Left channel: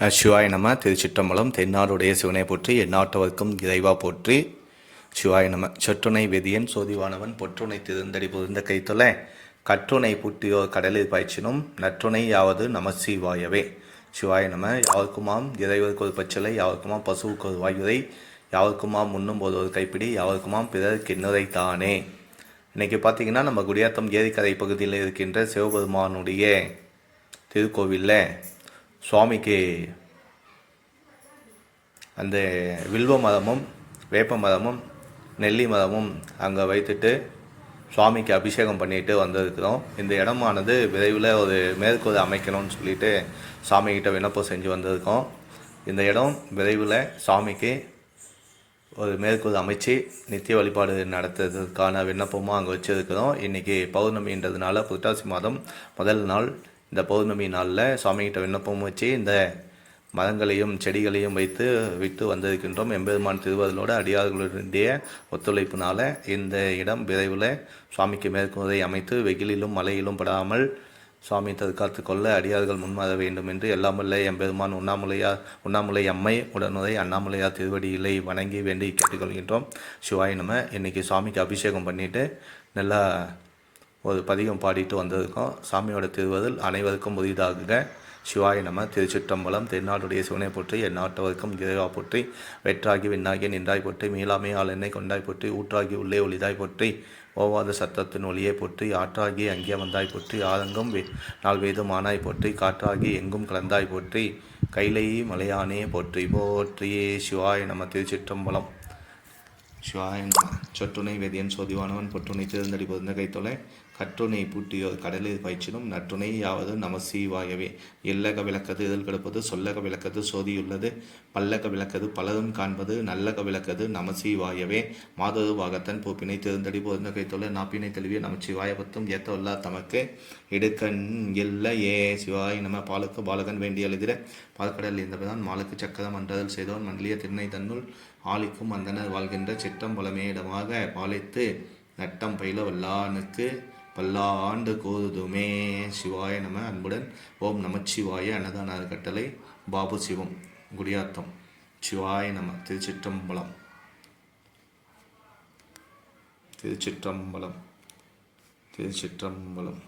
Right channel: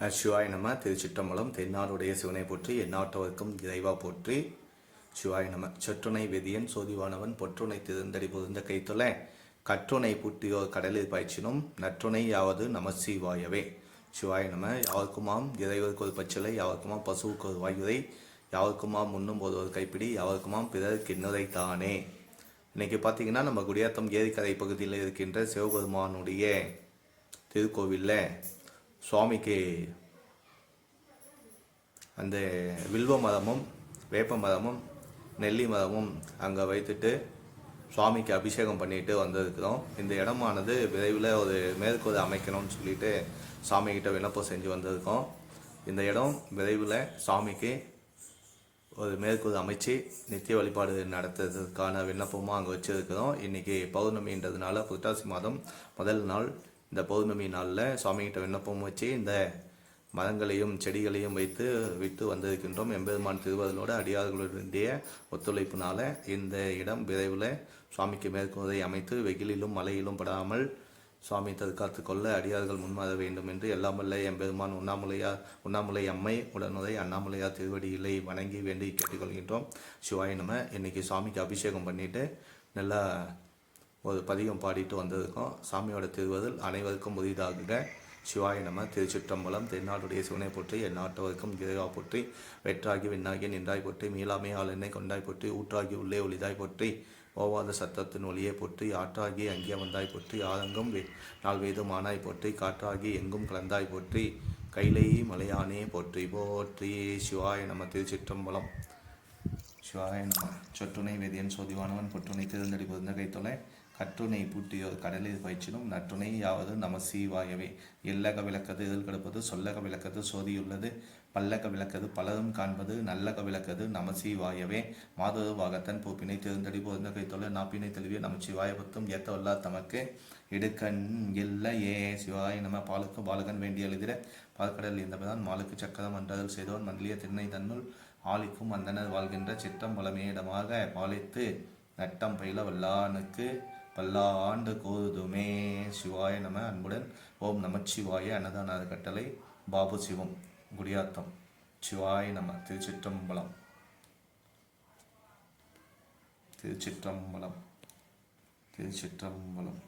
சிவாய நம திருச்சிற்றம்பலம் தென்னாடுடைய சிவனை போற்றி எந்நாட்டவர்க்கும் இறைவா போற்றி. சிவாய நம சொற்றுணை வெதியன் சோதிவானவன் பொற்றுணை திருந்தடி புரிந்த கைத்தொல கற்றுணை புட்டியோர் கடலில் பாய்ச்சினும் நற்றுணை யாவது நமசிவாயவே. சிவாய நம யாருக்குமாம் இறைவருக்கு ஒரு பச்சலை யாவர்க்குமாம் பசுவுக்கு ஒரு வாயுரை யாருக்குமாம் உண்ணும் போது ஒரு கைப்பிடி யாருக்குமாம் பிறர் கிண்ணுரை தானே. இன்னைக்கு பார்த்தீங்கன்னா நம்ம குடியாத்தம் ஏரிக்கரை பகுதியில் இருக்கின்ற சிவபெருமானுடைய திருக்கோவிலில் சுவாமிக்கு அந்த வில்வ மரமும் வேப்ப மரமும் நெல்லி மரமும் அங்கே வைத்துட்டு சுவாமிக்கு அபிஷேகம் பண்ணிட்டு வந்திருக்கிறோம். இந்த இடமானது விரைவில் ஒரு மேற்கூரை அமைக்கணும்னு சொல்லிட்டு சாமிகிட்ட விண்ணப்பம் செஞ்சு வந்திருக்கோம். இந்த இடம் விரைவில் சாமிக்கு ஒரு மேற்கூறு அமைச்சு நித்திய வழிபாடு நடத்துறதுக்கான விண்ணப்பமும் அங்கே வச்சுருக்கிறோம். இன்றைக்கி பௌர்ணமின்றதுனால புரட்டாசி மாதம் முதல் நாள் இந்த பௌர்ணமி நாளில் சுவாமிகிட்ட விண்ணப்பம் வச்சு இந்த மரங்களையும் செடிகளையும் வைத்து விட்டு வந்திருக்கின்றோம். எம்பெருமான் திருவருளோட அடியார்களுடைய ஒத்துழைப்பினால இந்த இடம் விரைவில் சுவாமிக்கு மேற்கூரை அமைத்து வெயிலிலும் மழையிலும் படாமல் சுவாமி தற்காத்து கொள்ள அடியார்கள் முன்வர வேண்டும் என்று எல்லாம் வல்ல எம்பெருமான் உண்ணாமுலையார் உண்ணாமுலை அம்மை உடனுரை அண்ணாமலையார் திருவடியிலை வணங்கி வேண்டி கேட்டுக்கொள்கின்றோம். சிவாய் நம்ம இன்னைக்கு சுவாமிக்கு அபிஷேகம் பண்ணிவிட்டு நல்லா ஒரு பதிகம் பாடிட்டு வந்திருக்கோம் சாமியோட திருவதில் அனைவருக்கும் புதிதாக சிவாய நம திருச்சிற்றம்பலம் தென்னாடுடைய சிவனை போற்றி எந்நாட்டவர்க்கும் இறைவா போற்றி வெற்றாகி விண்ணாகி நின்றாய் போற்றி மீளாமே ஆள் எண்ணெய் கொண்டாய் போற்றி ஊற்றாகி உள்ளே ஒளிதாய் போற்றி ஓவாத சத்தத்தின் ஒளியை போற்றி ஆற்றாகி அங்கே வந்தாய் போற்றி ஆதங்கம் நாள் நாள் வேதுமானாய் போற்றி காற்றாகி எங்கும் கலந்தாய் போற்றி கைலை மலையானே போற்றி போற்றியே சிவாய நம திருச்சிற்றம்பலம். சிவாய நம சொற்றுணை சோதிவானவன் பொற்றுணை திருந்தடி பொருந்த கைத்தொலை கற்றுணை பூட்டியோர் கடலில் பயிற்சினும் நற்றுணை யாவது நம சீவாயவே. எல்லக விளக்கது எதில் கிடப்பது? சொல்லக விளக்கது சோதியுள்ளது. பல்லக விளக்கது பலரும் காண்பது. நல்லக விளக்கது நம சீவாயவே. மாதரு வாகத்தன் பூப்பினை திருந்தடி பொருந்த கைத்தொள்ள நாப்பினை தெளிவிய நமச்சிவாய பத்தும் ஏத்தவல்லா தமக்கு. இடுக்கண் இல்லையே சிவாய் நம பாலுக்கு பாலகன் வேண்டிய எழுதிட பால்கடல் இந்தபதான் மாலுக்கு சக்கரம் அன்றதில் செய்தோன் மண்டலிய திருநை தன்னுள் ஆளிக்கும் அந்தனர் வாழ்கின்ற சிற்றம் பலமேடமாக பாலித்து நட்டம் பயில வல்லானுக்கு. பல்லாண்டு கோதுமே சிவாய நம. அன்புடன் ஓம் நமச்சிவாய அன்னதான கட்டளை பாபு சிவம். குடியாத்தம். சிவாய நம. திருச்சிற்றம்பலம். திருச்சிற்றம்பலம். திருச்சிற்றம்பலம்.